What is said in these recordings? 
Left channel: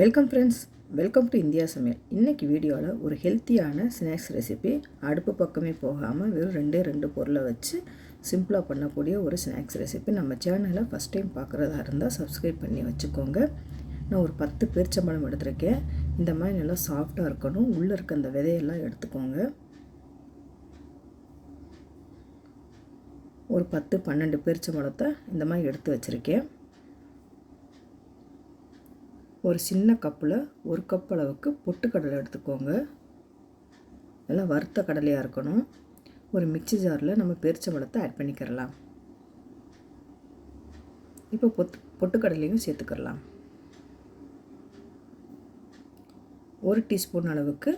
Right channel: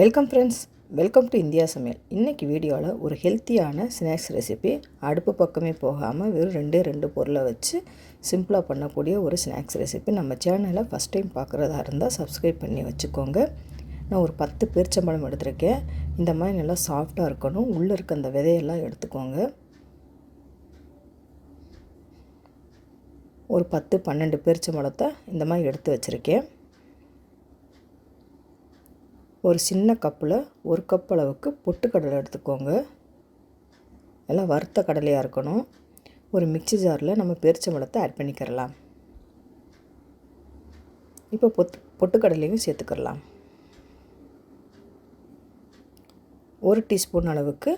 Welcome friends welcome to India சமையல் இன்றைக்கி வீடியோவில் ஒரு ஹெல்த்தியான ஸ்நாக்ஸ் ரெசிபி அடுப்பு பக்கமே போகாமல் வெறும் ரெண்டே ரெண்டு பொருளை வச்சு சிம்பிளாக பண்ணக்கூடிய ஒரு ஸ்நாக்ஸ் ரெசிபி நம்ம சேனலை ஃபஸ்ட் டைம் பார்க்குறதா இருந்தால் சப்ஸ்கிரைப் பண்ணி வச்சுக்கோங்க. நான் ஒரு பத்து பேரிச்சம்பழம் எடுத்திருக்கேன். இந்த மாதிரி நல்லா சாஃப்டாக இருக்கணும். உள்ளே இருக்க அந்த விதையெல்லாம் எடுத்துக்கோங்க. ஒரு பத்து பன்னெண்டு பேரிச்சம்பழத்தை இந்த மாதிரி எடுத்து வச்சுருக்கேன். ஒரு சின்ன கப்பில் ஒரு கப் அளவுக்கு பொட்டுக்கடலை எடுத்துக்கோங்க. நல்லா வறுத்த கடலையாக இருக்கணும். ஒரு மிக்சி ஜாரில் நம்ம பேரிச்சம்பழத்தை ஆட் பண்ணிக்கிறலாம். இப்போ பொத்து பொட்டுக்கடலையும் சேர்த்துக்கிறலாம். ஒரு டீஸ்பூன் அளவுக்கு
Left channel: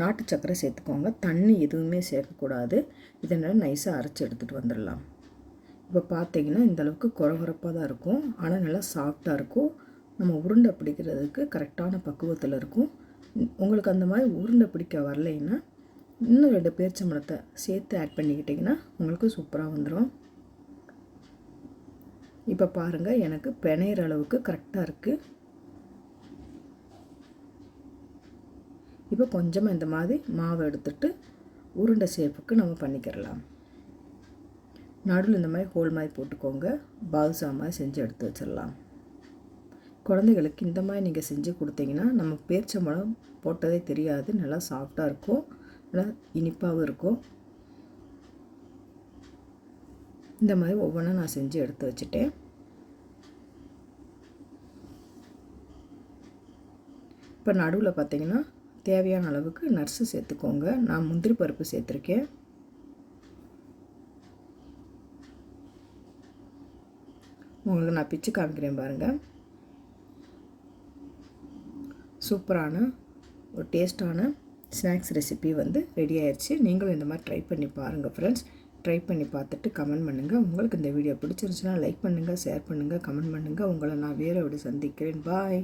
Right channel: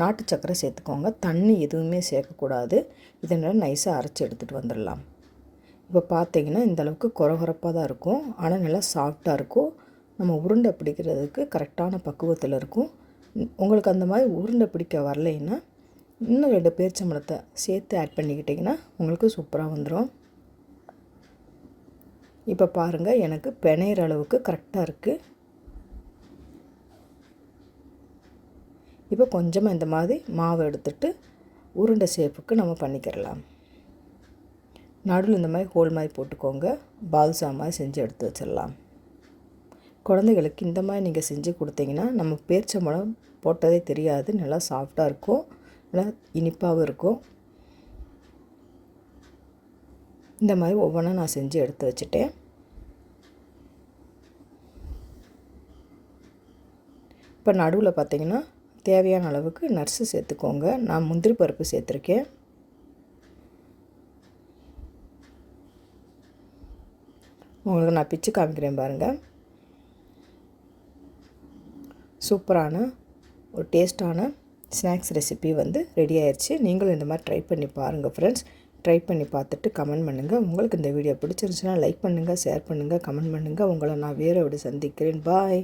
நாட்டு சர்க்கரை சேர்த்துக்கோங்க. தண்ணி எதுவுமே சேர்க்கக்கூடாது. இதனால் நைஸாக அரைச்சி எடுத்துகிட்டு வந்துடலாம். இப்போ பார்த்தீங்கன்னா இந்தளவுக்கு குறகுறப்பாக தான் இருக்கும். ஆனால் நல்லா சாஃப்டாக இருக்கும். நம்ம உருண்டை பிடிக்கிறதுக்கு கரெக்டான பக்குவத்தில் இருக்கும். உங்களுக்கு அந்த மாதிரி உருண்டை பிடிக்க வரலைன்னா இன்னும் ரெண்டு பேரிச்சம்பழத்தை சேர்த்து ஆட் பண்ணிக்கிட்டிங்கன்னா உங்களுக்கு சூப்பராக வந்துடும் இப்போ பாருங்கள் எனக்கு பிணையிற அளவுக்கு கரெக்டாக இருக்குது இப்போ கொஞ்சமாக இந்த மாதிரி மாவு எடுத்துட்டு உருண்டை ஷேப்புக்கு நம்ம பண்ணிக்கிறலாம் நடுவில் இந்த மாதிரி ஹோல் மாதிரி போட்டுக்கோங்க. பால்சா மாதிரி செஞ்சு எடுத்து வச்சிடலாம். குழந்தைகளுக்கு இந்த மாதிரி நீங்கள் செஞ்சு கொடுத்தீங்கன்னா நம்ம பேர்ச்சம்பழம் போட்டதே தெரியாது. நல்லா சாஃப்டாக இருக்கும். நல்லா இனிப்பாகவும் இருக்கும். இந்த மாதிரி ஒவ்வொன்றா நான் செஞ்சு எடுத்து வச்சுட்டேன். இப்போ நடுவில் பார்த்திங்கன்னா தேவையான அளவுக்கு நர்ஸு சேர்த்துக்கோங்க. நான் முந்திரி பருப்பு சேர்த்துருக்கேன். உங்களுக்கு நான் பிச்சு காமிக்கிறேன் பாருங்கள் சூப்பரான ஒரு டேஸ்ட்டான ஸ்நாக்ஸ் ரெசிபி வந்து ரெடி ஆயிடுச்சு நீங்களும் இந்த மாதிரி ட்ரை பண்ணி பாருங்கள் ஃப்ரெண்ட்ஸ் ட்ரை பண்ணி பார்த்துட்டு கமெண்ட் பண்ணுங்கள் உங்களுக்கு இந்த வீடியோ பிடிச்சிருந்துச்சுன்னா லைக் பண்ணுங்கள் ஷேர் பண்ணுங்கள் கமெண்ட் பண்ணுங்கள் உங்களை நான் வேறு விட சந்திக்கிறேன். பாய்